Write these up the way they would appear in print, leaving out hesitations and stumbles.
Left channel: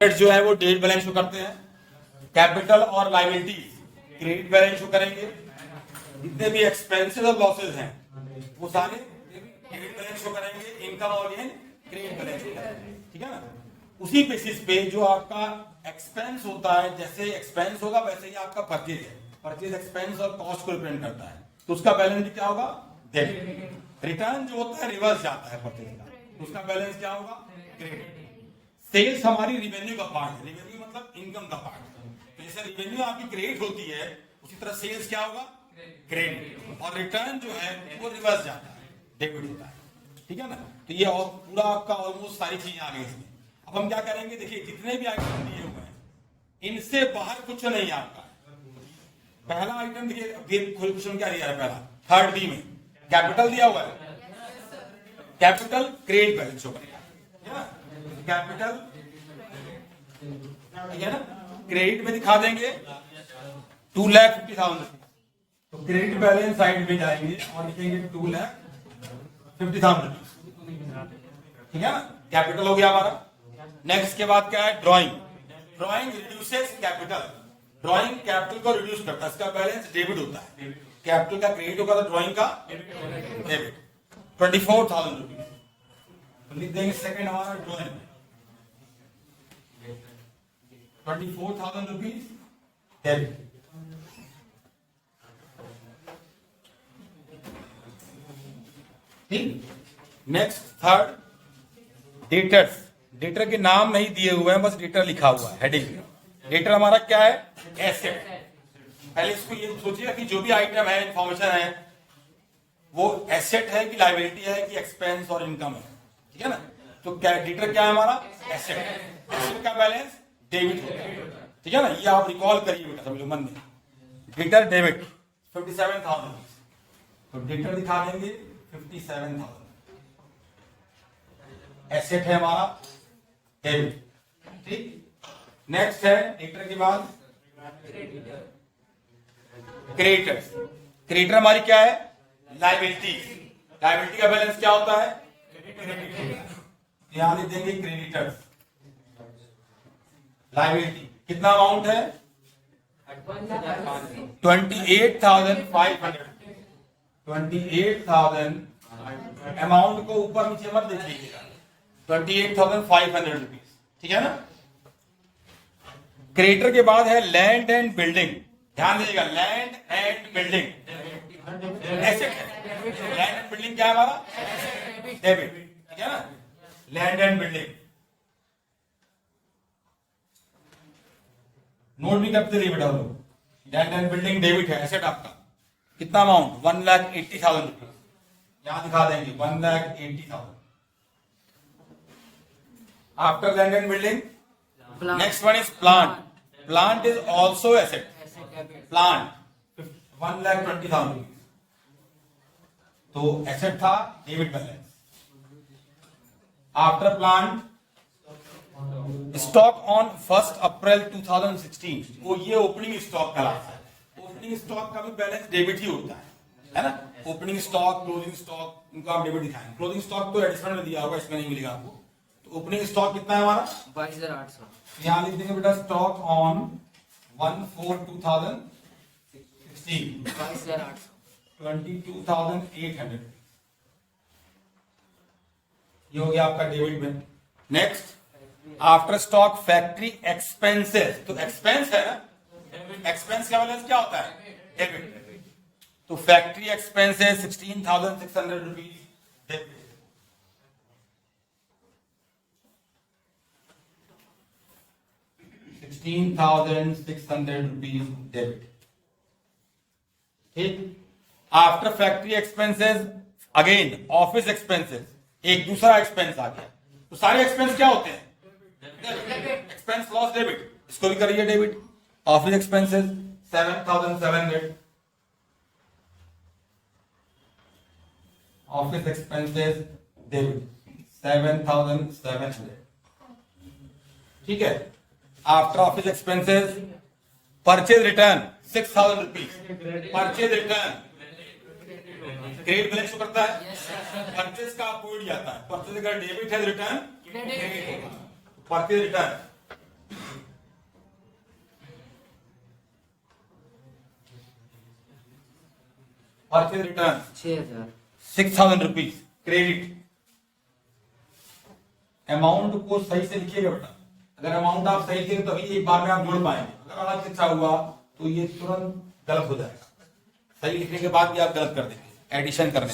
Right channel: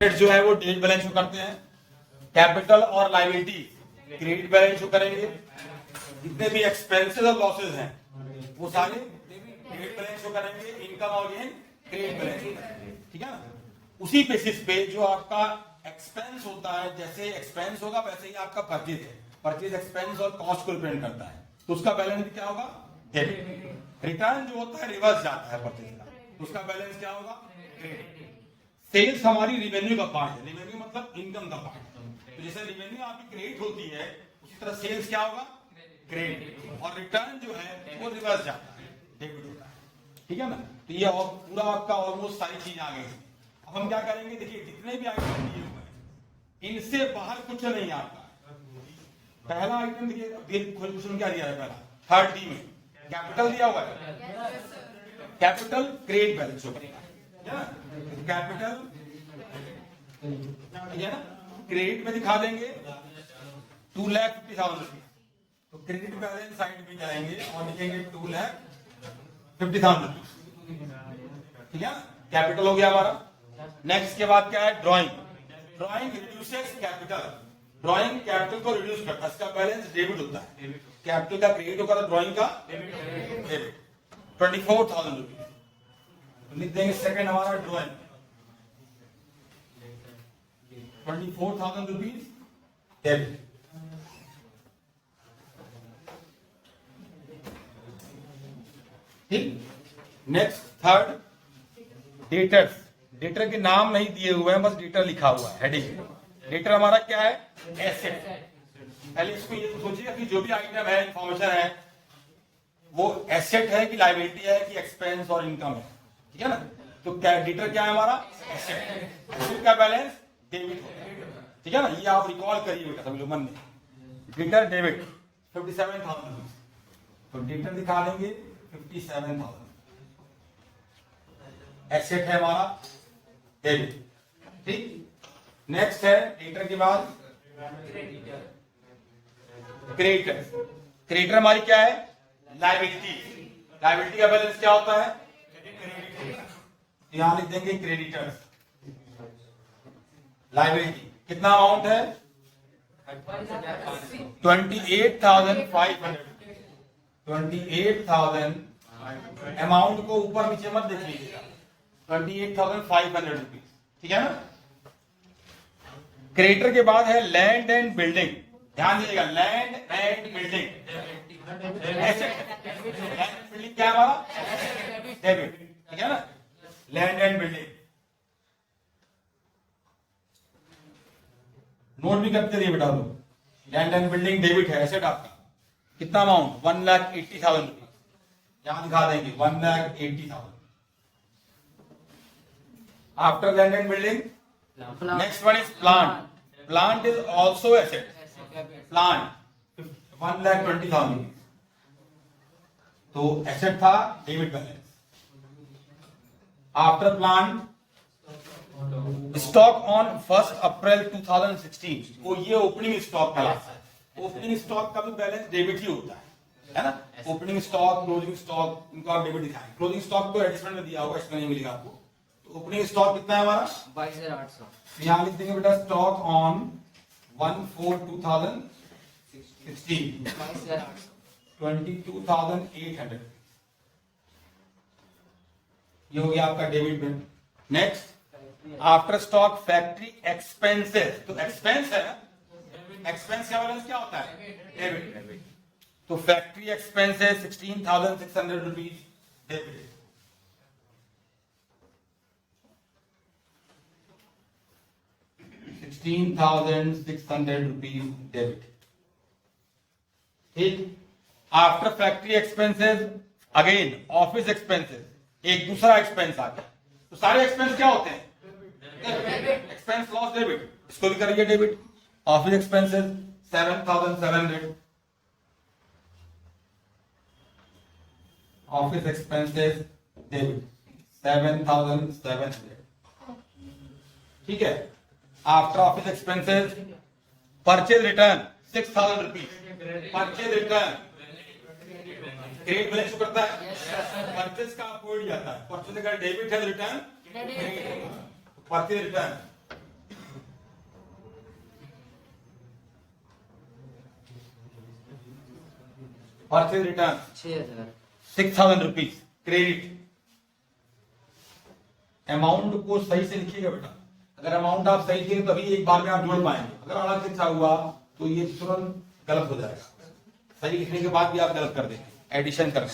जो है वो डेबिट बैलेंस शो करते हैं। कैपिटल और लायबिलिटी क्रेडिट बैलेंस शो करेंगे। जितने भी एक्सपेंसेस और लॉसेस हैं वो सारे डेबिट बैलेंस शो करेंगे। इनकम और गेन क्रेडिट बैलेंस शो करेंगे। ठीक है ना। उसी बेसिस पे जो आपका एक्सपेंस होता है, जैसे एक्सपेंस होगा वैसे ही आपका परचेज है। परचेज एक्सपेंस और कॉस्ट को रिप्रेजेंट करता है, तो उसका बैलेंस भी क्या होगा? डेबिट। रिटर्न जो होता है रिवर्स जाता है परचेज का, तो उसका बैलेंस क्या होगा? क्रेडिट। सेल्स हमारी रिवेन्यू का पार्ट है। रिवेन्यू मतलब इनकम का पार्ट। तो जैसे रिवेन्यू आपकी क्रेडिट होती है, उसी तरह सेल्स क्या होगा? क्रेडिट। और रिटर्न जो है वो रिवर्स जाता है, डेबिट होता है। ठीक है ना। तो ये और पूरा आपका ऑलमोस्ट सारी चीजें आ गई इसमें। अब हम क्या करेंगे, देखिए जितने भी आइटम दिए हुए हैं इनसे बाहर कुछ नहीं है आपका। पहला आइटम देखिए, क्वेश्चन क्या दिया है? पहला थर्ड डी में कैपिटल दिया हुआ है। कैपिटल क्रेडिट बैलेंस शो करेगा। कैपिटल है ना, क्रेडिट में दिखा देंगे 2,50,000 रुपीज। तो क्रेडिट बैलेंस साइड में जाएंगे और लिखेंगे 2,50,000 रुपीज। ठीक है ना। कैपिटल हो गया हमारा। नेक्स्ट के बाद क्या है? Drawing. Drawing reduces capital. Drawing capital को रिड्यूस करता है, इसका बैलेंस डेबिट होता है। कैपिटल का क्रेडिट होगा तो ड्राइंग का डेबिट। 24,000 रुपीज लिख देंगे। सेकंड हमारा ड्राइंग 24,000 रुपीज डेबिट। ठीक। Next third debtors. डेटर के नाम नहीं दिए हुए हैं, बस डेटर लिखा हुआ है हेडिंग। डेटर हमारा क्या है? एसेट। पहले इसको ये सोचिएगा कि जो भी आइटम है, इंफॉर्मेशन है, वो एसेट है कि लायबिलिटी है कि एक्सपेंस और इनकम है। ठीक है ना। तो डेटर क्या है हमारा? एसेट। एसेट का बैलेंस डेबिट है। ठीक है ना। ये आप रिकॉल करिए बेटा, समझो मन में। Debtor debit 57,000 rupees. तो डेटर दिखा देंगे 57,000। एसेट है हमारा डेबिट। ठीक। नेक्स्ट है डेटर के बाद क्रेडिटर। क्रेडिटर हमारी क्या है? लायबिलिटी। लायबिलिटी का बैलेंस क्या होता है? यहां लिख देंगे क्रेडिटर। लायबिलिटी कितना अमाउंट है? 28,500। 28,000 अमाउंट को ऊपर नीचे मत देख लीजिएगा। 28,500 रुपीज। ठीक है ना। क्रेडिटर के बाद है लैंड एंड बिल्डिंग। ध्यान दीजिएगा, लैंड एंड बिल्डिंग एसेट है। लैंड एंड बिल्डिंग क्या है हमारा? डेबिट। ठीक है ना। लैंड एंड बिल्डिंग नोट भी करते रहिए बेटा लोग। लैंड एंड बिल्डिंग डेबिट है, एसेट आपका। कितना अमाउंट? 1,80,000 रुपीज। यहां दिखा देंगे 1,80,000। After land and building next one is plant. Plant is also asset. Plant 1,20,000। तो एसेट था, debit balance. After plant stock on 1 अप्रैल 2016। वो ये ओपनिंग स्टॉक कहलाता है। ओपनिंग स्टॉक का भी बैलेंस डेबिट ही होता है ना। ओपनिंग स्टॉक, क्लोजिंग स्टॉक, इनको आप डेबिट दिखाएंगे। क्लोजिंग स्टॉक तो एडिशनल में दिया होगा, इसमें नहीं मिलेगा आपको। तो ओपनिंग स्टॉक कितना है हमारा? 22,800। यहां लिख देंगे बेटा स्टॉक ऑन 1/4/2016 22,800। 22,800। ये हो गया आपका डेबिट में। Next after stock factory expenses. तो एक्सपेंस है ना, एक्सपेंस का बैलेंस क्या होता है? डेबिट। तो factory expenses 16,600 rupees debit. ₹16,600 debit. ठीक। After factory expenses again office expenses, एक दूसरा एक्सपेंस आ गया। तो सारे एक्सपेंस क्या होते हैं? Expense loss debit. इसको भी करिए debit. Office expenses 7,700। Office expenses debit 7,700। ठीक है। After office expenses purchase return 6,000 rupees. Purchase return credit balance करता है। परचेज का अपोइड जाता है। परचेज का डेबिट है, return purchase return purchase return 6,000 rupees credit. Amount को सही से लिखिएगा बेटा, अगर अमाउंट आप सही लिखेंगे तभी एक बार में आप जोड़ पाएंगे, अगर अलग से लिखा हुआ तो ये तुरंत गलत हो जाएगा। सही लिखने के बाद भी आप गलत कर देंगे एडिशन करने में।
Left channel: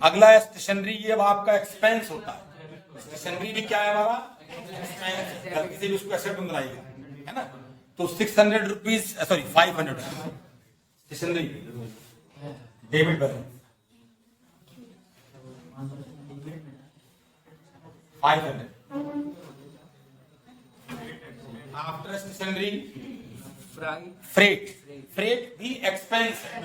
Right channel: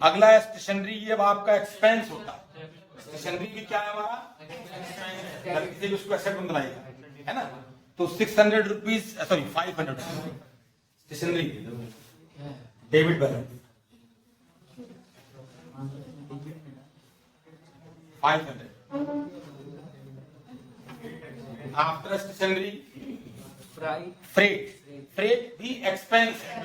अगला है स्टेशनरी, ये आपका एक्सपेंस होता है। स्टेशनरी भी क्या है हमारा एक्सपेंस, गलती से उसको एसेट में बनाइएगा, है ना। तो 600 rupees sorry 500 stationery debit balance 500। After stationery freight, freight भी एक्सपेंस है।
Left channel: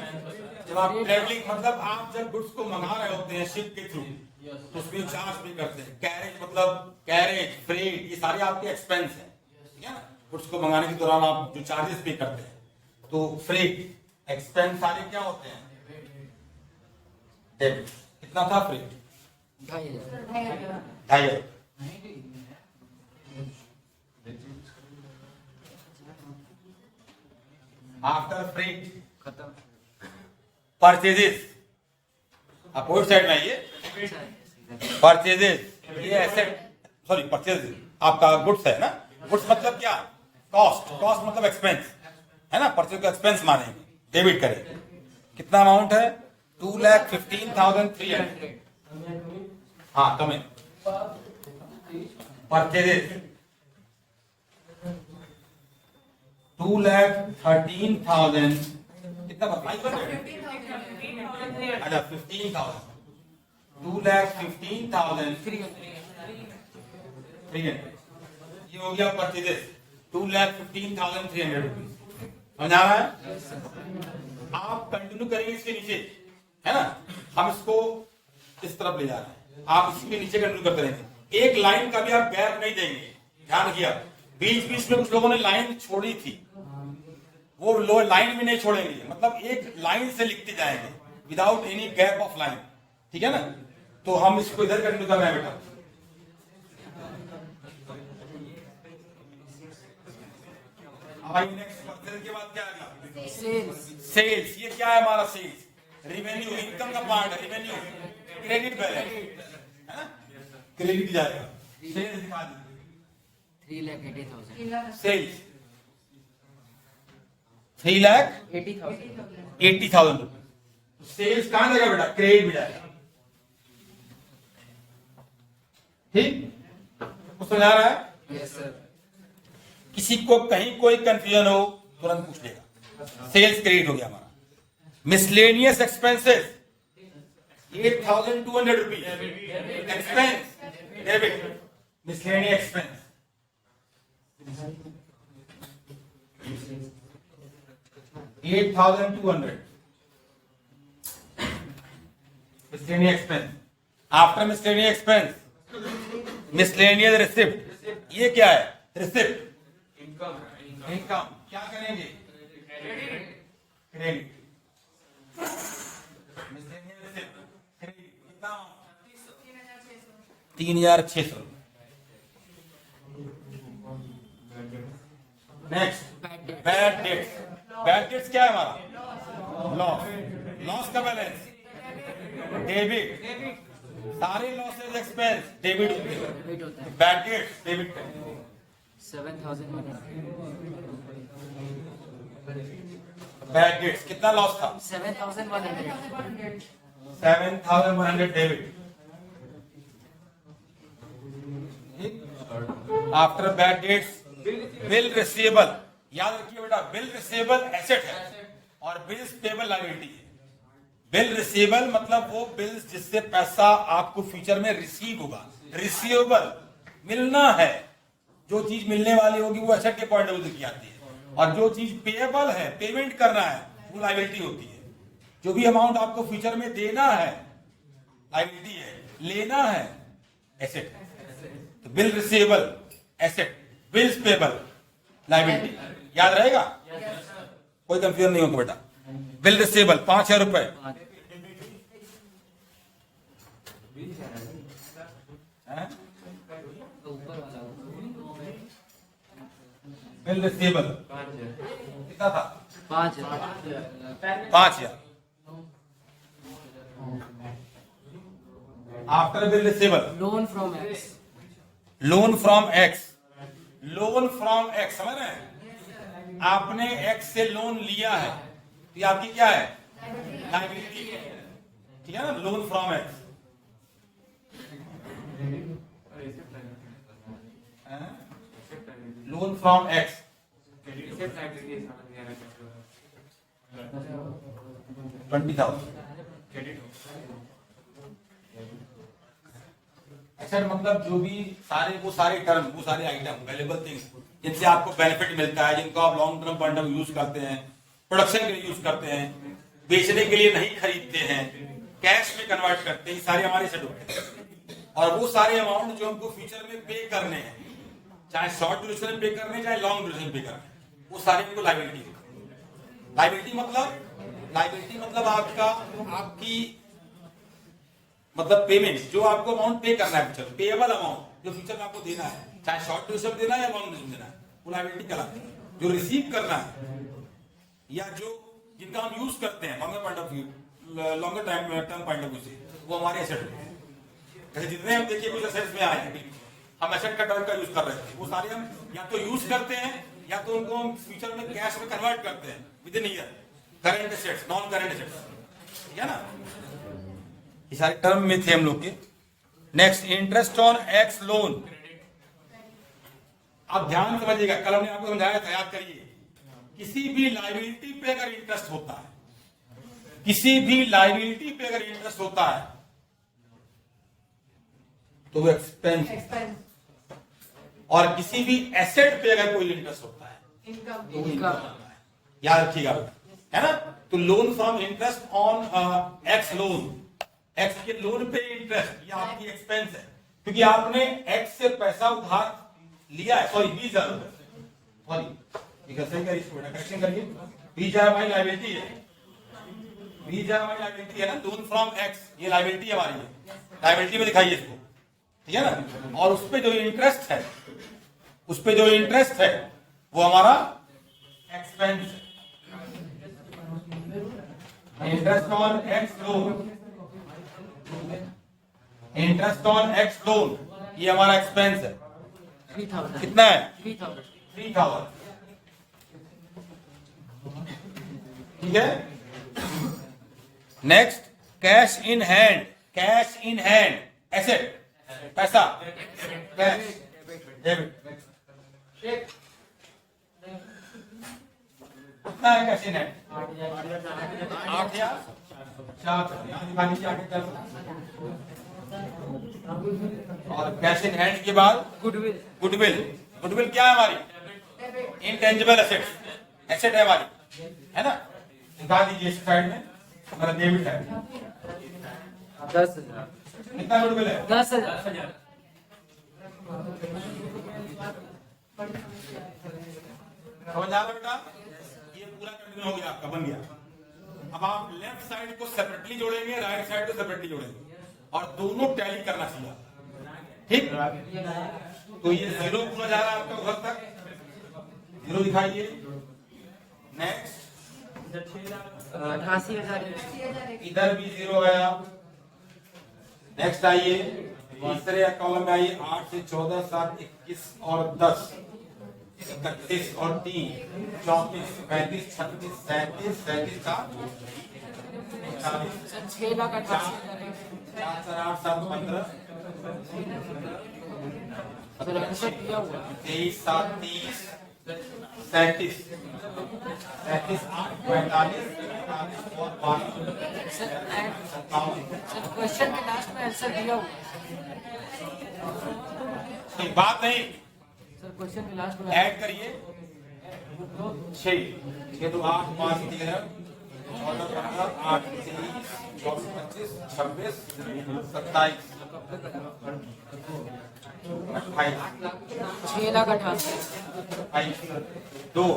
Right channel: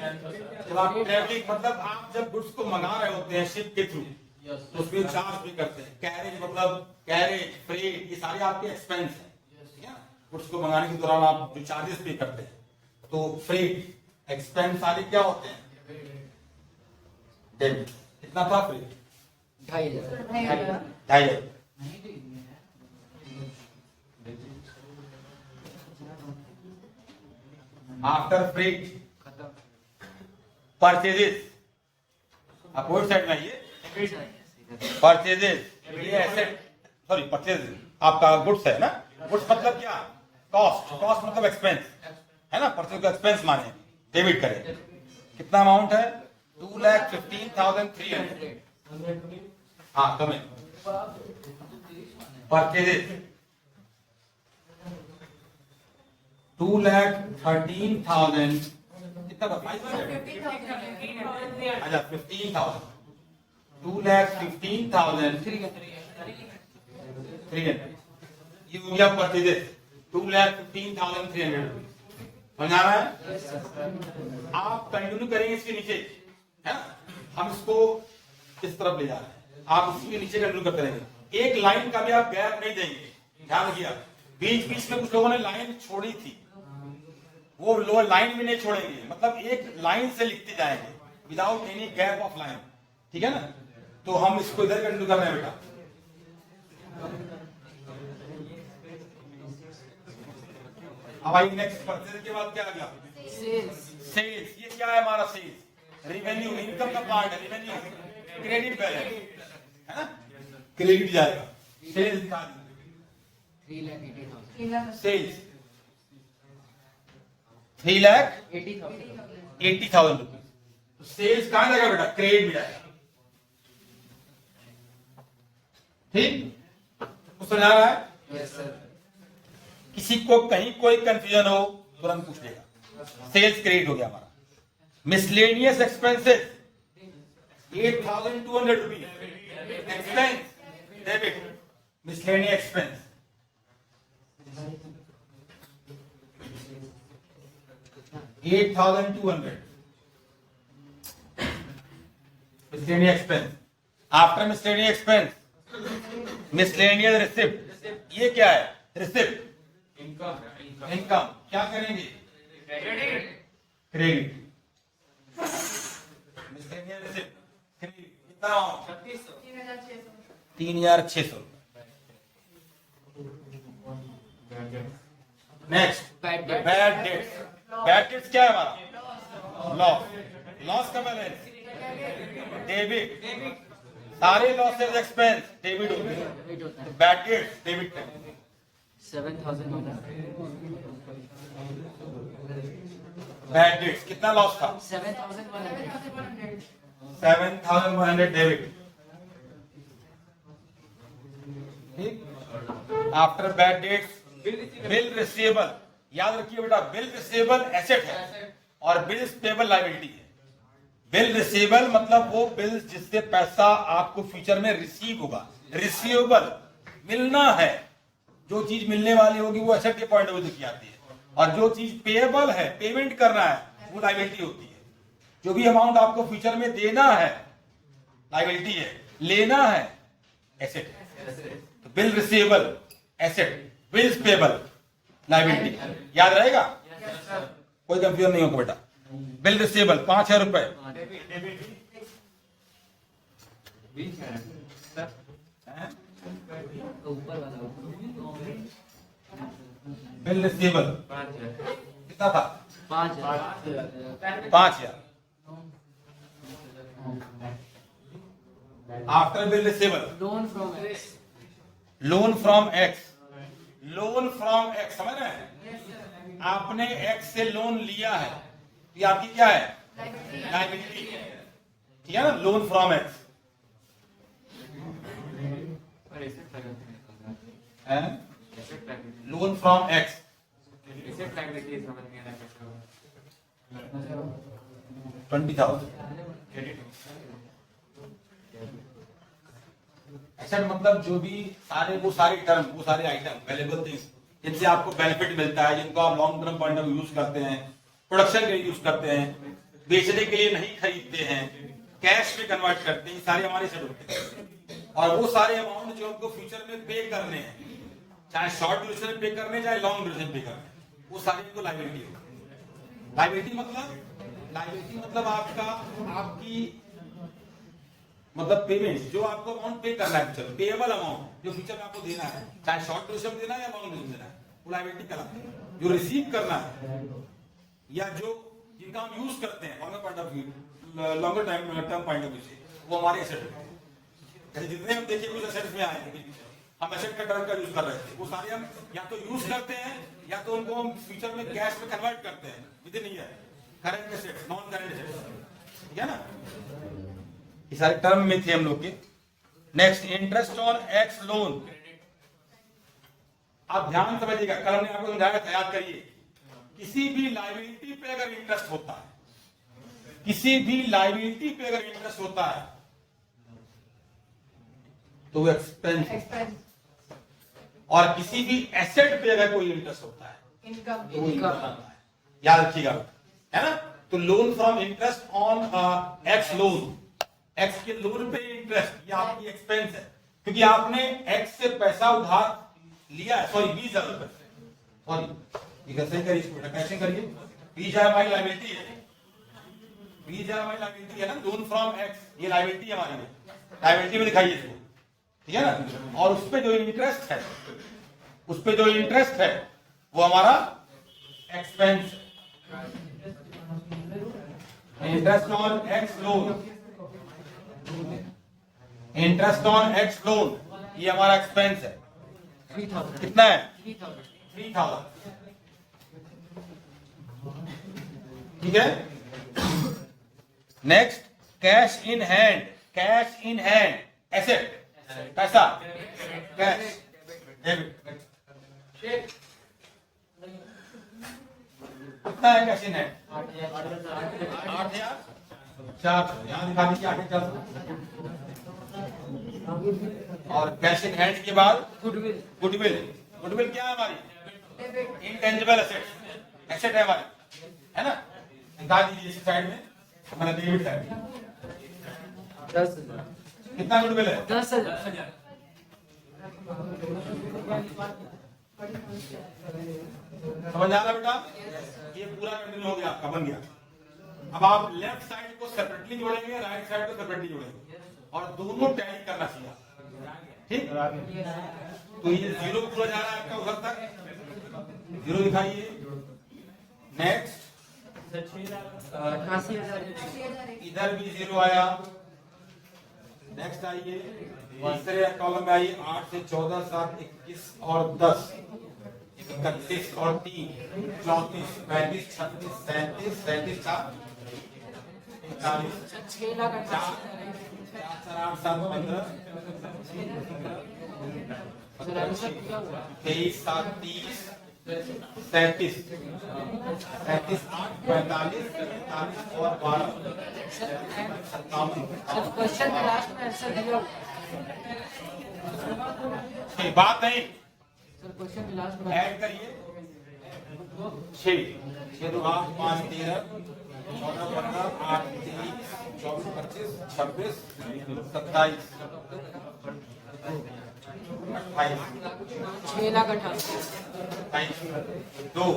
जब आप ट्रेवलिंग मतलब आप जब गुड्स को मंगा रहे होते हैं शिप के थ्रू तो उसमें चार्ज भी करते हैं। कैरेज मतलब कैरेज, फ्रेट, ये सारे आपके एक्सपेंस है, ठीक है ना। गुड्स को मंगाने के दौरान आप जो चार्जेस पे करते हैं, तो फ्रेट एक्सपेंस सारे क्या होते हैं डेबिट। कितना था freight? 2,500। After freight purchases, opposite side में आइए। परचेजेस ये एसेट सॉरी परचेजेस आपका गुड्स है ना। गुड्स मतलब क्या? कॉस्ट, कॉस्ट मतलब एक्सपेंस है ना। परचेज का एक्सपेंस माने डेबिट करें। कितना अमाउंट है? 2,15,300। हाँ कमें परचेजेस 2,13,000 कितना? 500। अच्छा 15,000 2,15,300 ये हो गया परचेजेस 2,15,300 रुपीज। समझ आ रहा है? आप कंटिन्यू करेंगे इसके नीचे, है ना। हम इसको इस तरफ ले जा रहे हैं, आप इसके नीचे कंटिन्यू करते रहेंगे। एक लाइन का भी आप गैप नहीं देंगे, ध्यान रखिए। बीच बीच में कुछ लोगों ने लाइन छोड़ी थी, वो लोअर लाइन भी नहीं छोड़ेंगे, मतलब एक लाइन से लिखते जाएंगे without any gap of line, ठीक है ना। तो हम इसको इधर कंटिन्यू कर रहे हैं बेटा। अब आई नेक्स्ट परचेज के बाद क्या लगा? सेल्स। ये क्या है हमारा? सेल्स रेवेन्यू, इनकम का पार्ट है। रेवेन्यू क्रेडिट बैलेंस है ना, क्रेडिट जाएगा। सेल्स दिखा दीजिए। 3,80,000 सेल्स 3,80,000 रुपीज। सेल्स कहां जाएगा बेटा? क्रेडिट में जाएगा। ठीक, कुछ समझ आ रहा है? Yes sir. किसी को कहीं कोई कंफ्यूजन हो तुरंत पूछ लेगा। सेल्स क्रेडिट हो गया हमारा। Miscellaneous expenses 8,200 rupees expense debit. Miscellaneous expense 8,200 miscellaneous expense। After miscellaneous expense miscellaneous receipt। ये क्या है? रिसिप्ट इनकम क्या करेंगे? क्रेडिट। miscellaneous receipt क्रेडिट कितना? 3,600। Next bad debts. Bad debts क्या है हमारा? लॉस। लॉस का बैलेंस डेबिट। सारे लॉसेस एक्सपेंस डेबिट होते हैं। बैड डेट्स डेबिट है। 7,100। बैड डेट्स कितना लॉस था? 7,100। 7,100 debit. After bad debts bill receivable. याद रखिए बेटा, बिल रिसीवेबल एसेट है और बिल्स पेबल लायबिलिटी है। बिल रिसीवेबल मतलब वो बिल्स जिससे पैसा आपको फ्यूचर में रिसीव होगा। रिसीवेबल मिलना है, जो चीज मिलने वाली होगी वो एसेट के पॉइंट ऑफ व्यू की आती है, और जो चीज पेएबल है, पेमेंट करना है, वो लायबिलिटी होती है। जो भी अमाउंट आपको फ्यूचर में देना है लायबिलिटी है, लेना है एसेट है। तो bill receivable asset, bills payable liability, याद रहेगा? कोई कंफ्यूजन नहीं होगा बेटा। बिल रिसीवेबल 5,000 रुपए। बिल रिसीवेबल कितना था? 5,000। 5,000। After bill receivable, Loan from X. Loan from x, loan from x, समझ रहे हैं? आपने एक्स से लोन लिया है, ये आपकी क्या है? लायबिलिटी, ठीक है ना? लोन फ्रॉम एक्स, और asset liability. Loan from x, Asset liability is समझ गया ना? 20,000। Credit. एसेट मतलब जो भी वो सारे टर्म, वो सारे आइटम, वैल्यूएबल थिंग्स जिनसे आपको बेनिफिट मिलता है, जिनको आप long term point of use करते हैं, प्रोडक्शन के लिए यूज करते हैं, बेचने के लिए नहीं खरीदते हैं, कैश में कन्वर्ट करते हैं, सारे हमारे एसेट होते हैं। और वो सारे अमाउंट जो हमको फ्यूचर में पे करने हैं, चाहे शॉर्ट ड्यूरेशन में पे करने हैं, चाहे लॉन्ग ड्यूरेशन में पे करने हैं, वो सारे हमको लायबिलिटी है। लायबिलिटी मतलब आपकी मतलब पेमेंट, जो आपको अमाउंट पे करना है फ्यूचर, पेएबल अमाउंट जो फ्यूचर में आपको देना है, चाहे शॉर्ट ड्यूरेशन देना है या लॉन्ग ड्यूरेशन देना है, वो लायबिलिटी कहलाती है। जो रिसीव करना है या जो जिनका हम यूज करते हैं longer point of view, longer time term point of view से, वो हमारे एसेट है। जैसे जितने हम देखिए कुछ एसेट्स में आए हैं, हम एसेट का टर्म का यूज कर रहे थे, वो सारे हम या तो यूज करते हैं या तो उनको हम फ्यूचर में कैश में कन्वर्ट करते हैं with in year, current assets, non current assets, ठीक है ना? ये सारे टर्म में थे हम लोग के। Next, interest on x loan. आप ध्यान समझिएगा, कल हमने आपको समझाया था, याद करिए, किसी भी लायबिलिटी पे अगर इंटरेस्ट होता है, किसी भी लायबिलिटी पे अगर इंटरेस्ट होता है तो वो एक्सपेंस, और किसी भी एसेट पे अगर कोई इंटरेस्ट होता है Income. तो वो इनकम है। याद रखिएगा, है ना? तो loan from interest on x loan, x के लोन पे इंटरेस्ट, ये आपकी एक्सपेंस है, क्योंकि आपने एक्स से पैसा उधार लिया है। सॉरी, 20,000 रुपए, सॉरी, सही करिए इसको बेटा, कैसे करिए? 20,000 हमारी लायबिलिटी है, 20,000 हमारी लायबिलिटी है ना। लोन फ्रॉम एक्स, ये लायबिलिटी हमारी है, लायबिलिटी में दिखाइए इसको, ठीक है ना? और उस पे जो इंटरेस्ट है, उस पे जो इंटरेस्ट है वो हमारा expense, interest on x loan, interest on x loan, ये हमारा एक्सपेंस है। 3,000. कितना है? 3,000. 3,000, ठीक है? Next, cash in hand, cash in hand, asset, पैसा, कैश, डेबिट। कितना है कैश इन हैंड? 8,000, 400, यहाँ दिखा दीजिए, 8,400। और कैश इन हैंड के बाद Goodwill. गुडविल, गुडविल क्या है हमारी? इंटेंजिबल एसेट्स, एसेट है हमारी, है ना? दिखा दीजिए इस साइड में, मेरा डेबिट साइड, 10,000. कितना गुडविल है? 10,000. समझ आ रहा बेटा? ये पूरा कंटिन्यू हो गया, आपका बन गया। अब आप लेफ्ट साइड को सेपरेटली जोड़ेंगे, राइट साइड को सेपरेटली जोड़ेंगे, और दोनों टैली करना सीखा, ठीक? तो ये जीरो पूरा जा रहा है आपका उधर तक, जीरो दिखाइए। नेक्स्ट, 88,000. इधर भी जीरो आया। नेक्स्ट आइए, तीसरे कॉलम में आइए, 8 से 14, 7, 21 और 10, 31 और 3, 34, 35, 36, 37, 37, 40, 6,88,000. 4, 8, 7, 15, सर ऐसा क्या हुआ? 23, 7, 30, 37, 37, 8, 45, 45 और 12, सर 57। क्वेश्चन में लास्ट में आंसर दिया हुआ. एक बात नहीं, सर क्वेश्चन में लास्ट में ऐड करिए, 6, 6 तो 8, 5, 13, 14, 15, 8, 23, 24, 25, 26, 27, 28, 6,88,000. 2,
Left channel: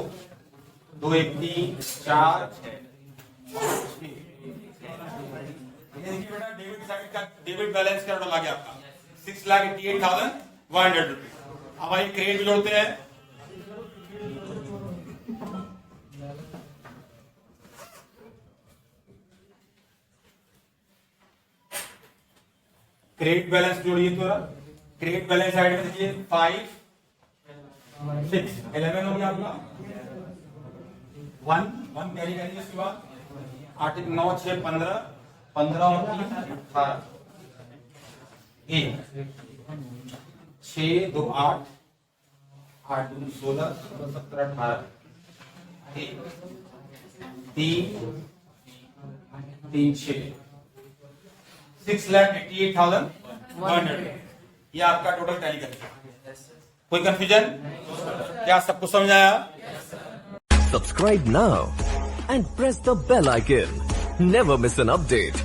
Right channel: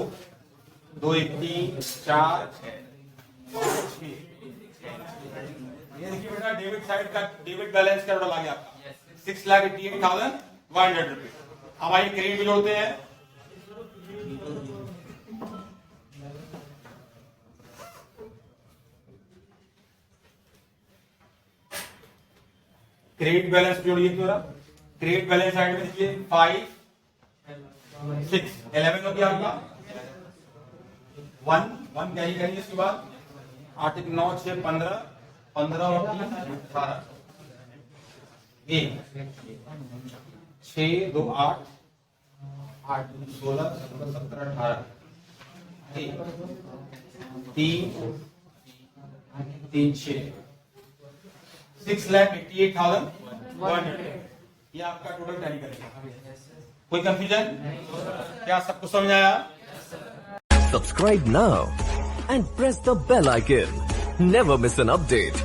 2, 1, 3, 4, 5, ये देखिए बेटा, डेबिट साइड का डेबिट बैलेंस क्या टोटल आ गया आपका? 6,88,100 रुपीज। अब आइए क्रेडिट बिल होते हैं। क्रेडिट बैलेंस जोड़िए थोड़ा, क्रेडिट बैलेंस साइड में देखिए 5 6 11 हो गया आपका, 1 कैरी करिए, इसके बाद 8 9 6 15 15 और 3 18 1 6 2 8 8 2 16 17 18 3 3 6 6,88,100 ये आपका टोटल टैली करेगा। कोई कंफ्यूजन? क्या सब कुछ समझ आया? Subscribe now and press the bell icon. Never miss an update.